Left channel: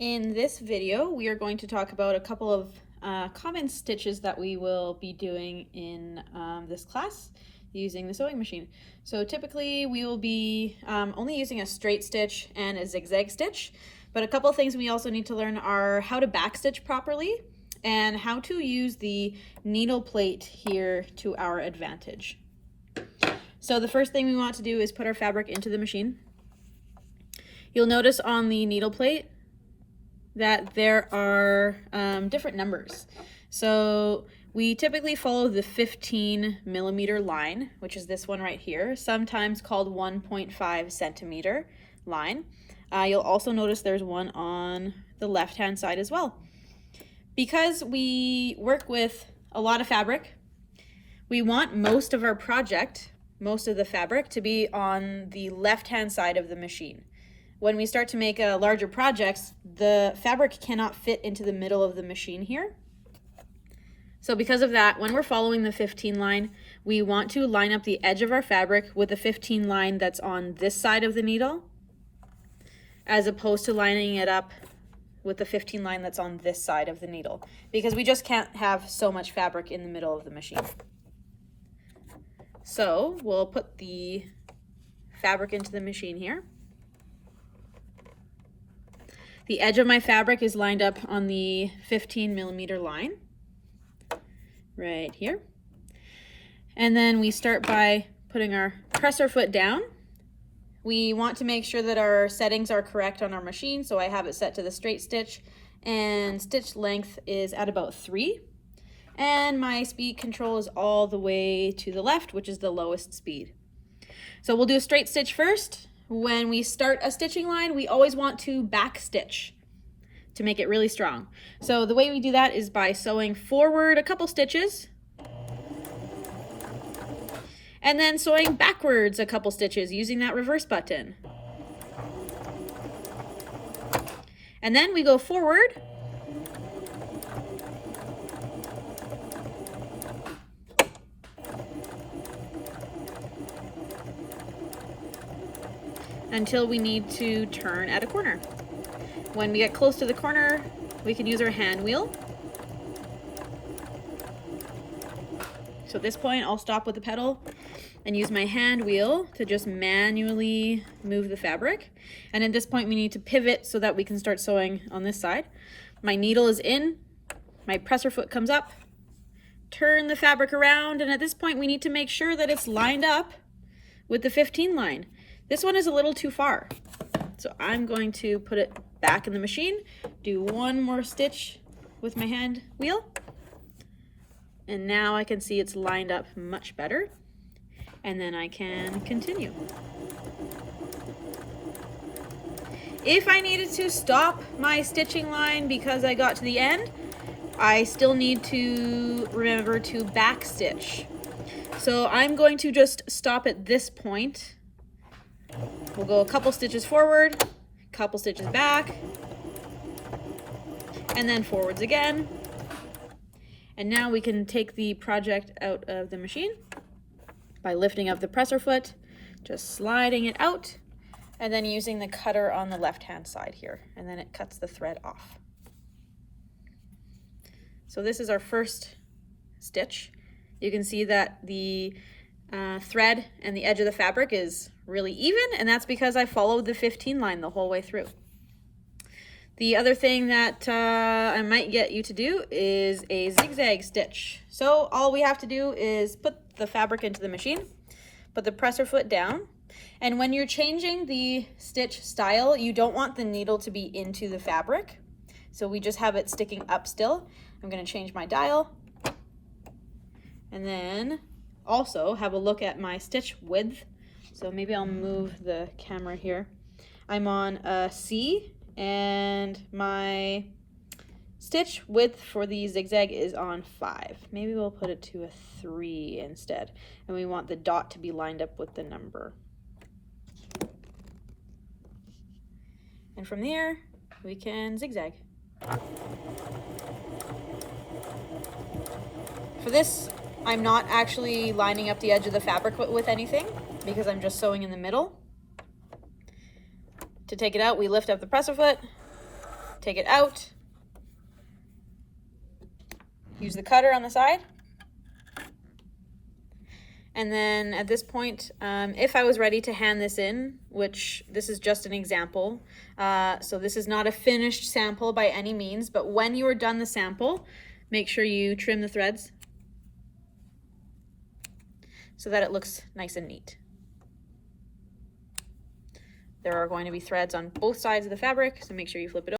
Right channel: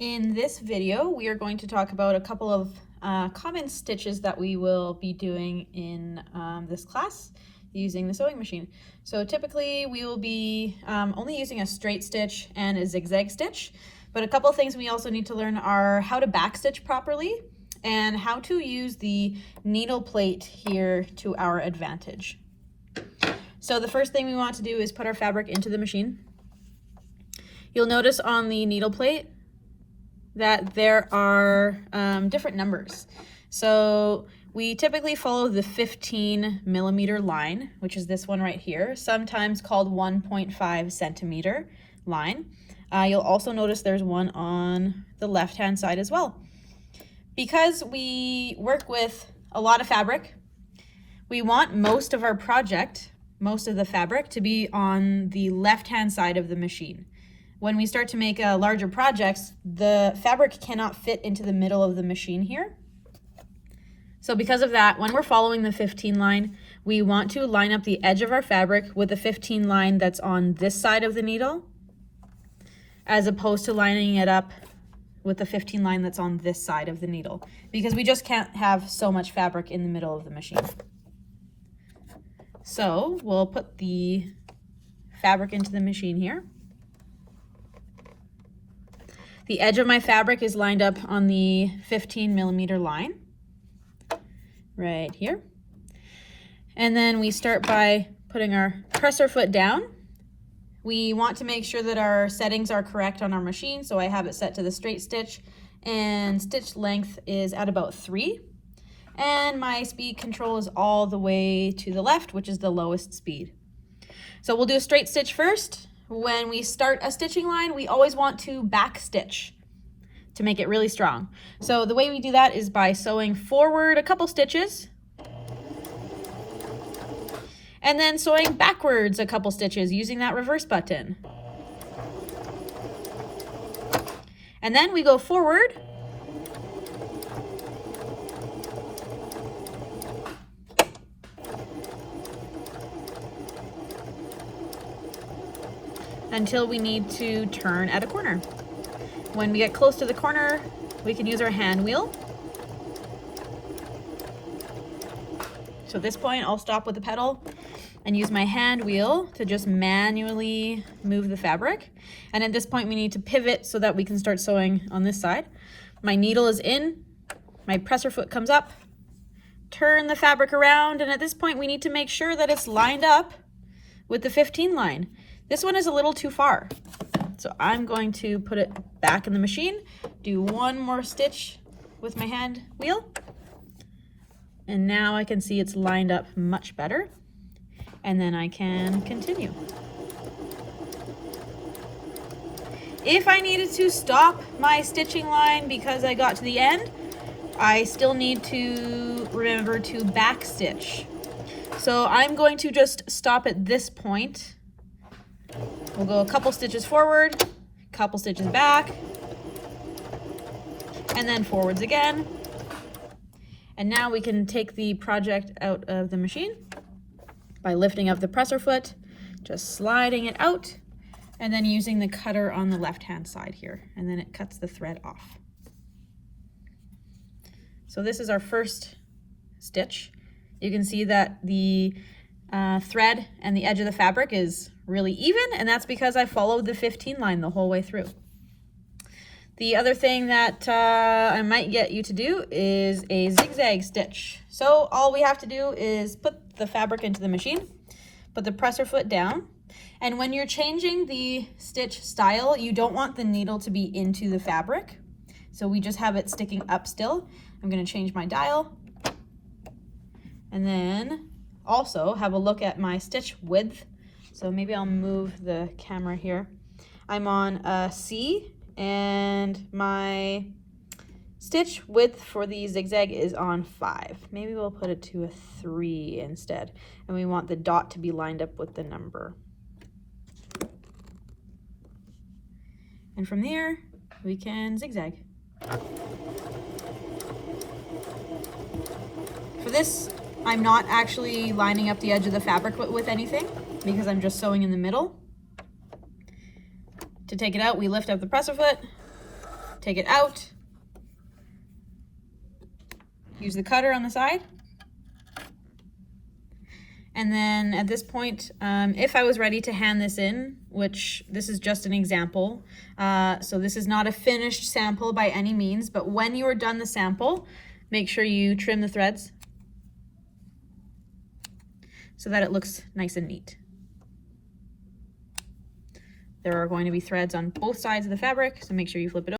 In this video, we are going to talk about a couple of common stitches that we will be doing in this class using the sewing machine. So typically we will be only using a straight stitch and a zigzag stitch, but a couple of things we also need to learn are how to backstitch properly and how to use the needle plate here to our advantage. So the first thing we want to do is put our fabric into the machine. You'll notice on the needle plate that there are different numbers. So we typically follow the 15 millimeter line, which is this one right here, sometimes called 1.5 centimeter line. You'll also notice there's one on the left-hand side as well. Because we work with a lot of fabric, we want most of our project, most of the fabric, to be on the left-hand side of the machine. When we start to make larger projects, the fabric cannot fit into the middle of the machine here. So because of that, when we're following the 15 line, we want to line up the edge of our fabric with the 15 line that's on this side of the needle, as opposed to lining it up with the 15 line that's on this side of the needle, because we just can't have so much fabric in the middle of the machine. So we'll put the fabric into the machine here. The edge of my fabric is lined up on the 15 millimeter line, right here. And then we start by putting our presser foot down. We want to make sure that our settings are correct on our machine, so I have it set to the straight stitch, and stitch length is at about 3. And my speed control is all the way to the left, which is the lowest speed. So we'll do a straight stitch first. When we start a stitching line, we always want to back stitch to make it really strong. So the way we do that is by sewing forward a couple stitches and then sewing backwards a couple stitches using that reverse button. And then we go forward until we need to turn at a corner. When we get close to the corner, we can use our hand wheel. So at this point, I'll stop with the pedal and use my hand wheel to just manually move the fabric. And at this point, we need to pivot so that we can start sewing on this side. My needle is in, my presser foot comes up, turn the fabric around, and at this point, we need to make sure that it's lined up with the 15 line. This one is a little too far. So I'm going to put it back in the machine, do one more stitch with my hand wheel, and now I can see it's lined up much better, and then I can continue. If I needed to stop my stitching line because I got to the end, I still need to remember to back stitch. So I'm going to just stop at this point. We'll go a couple stitches forward, couple stitches back, and then forwards again. And now we can take the project out of the machine by lifting up the presser foot, just sliding it out, and then using the cutter on the left-hand side here, and then it cuts the thread off. So this is our first stitch. You can see that the thread and the edge of the fabric is really even, and that's because I followed the 15 line the whole way through. The other thing that I might get you to do is a zigzag stitch. So all we have to do is put the fabric into the machine, put the presser foot down, and when you're changing the stitch style, you don't want the needle to be into the fabric. So we just have it sticking up still. I'm going to change my dial, and then also have a look at my stitch width. So maybe I'll move the camera here. I'm on a C, and my stitch width for the zigzag is on 5. Maybe we'll put it to a 3 instead. And we want the dot to be lined up with the number. And from there, we can zigzag. For this, I'm not actually lining up the edge of the fabric with anything because I'm just sewing in the middle. To take it out, we lift up the presser foot, take it out. Use the cutter on the side. And then at this point, if I was ready to hand this in, which this is just an example, so this is not a finished sample by any means, but when you are done the sample, make sure you trim the threads so that it looks nice and neat. There are going to be threads on both sides of the fabric, so make sure you flip it over.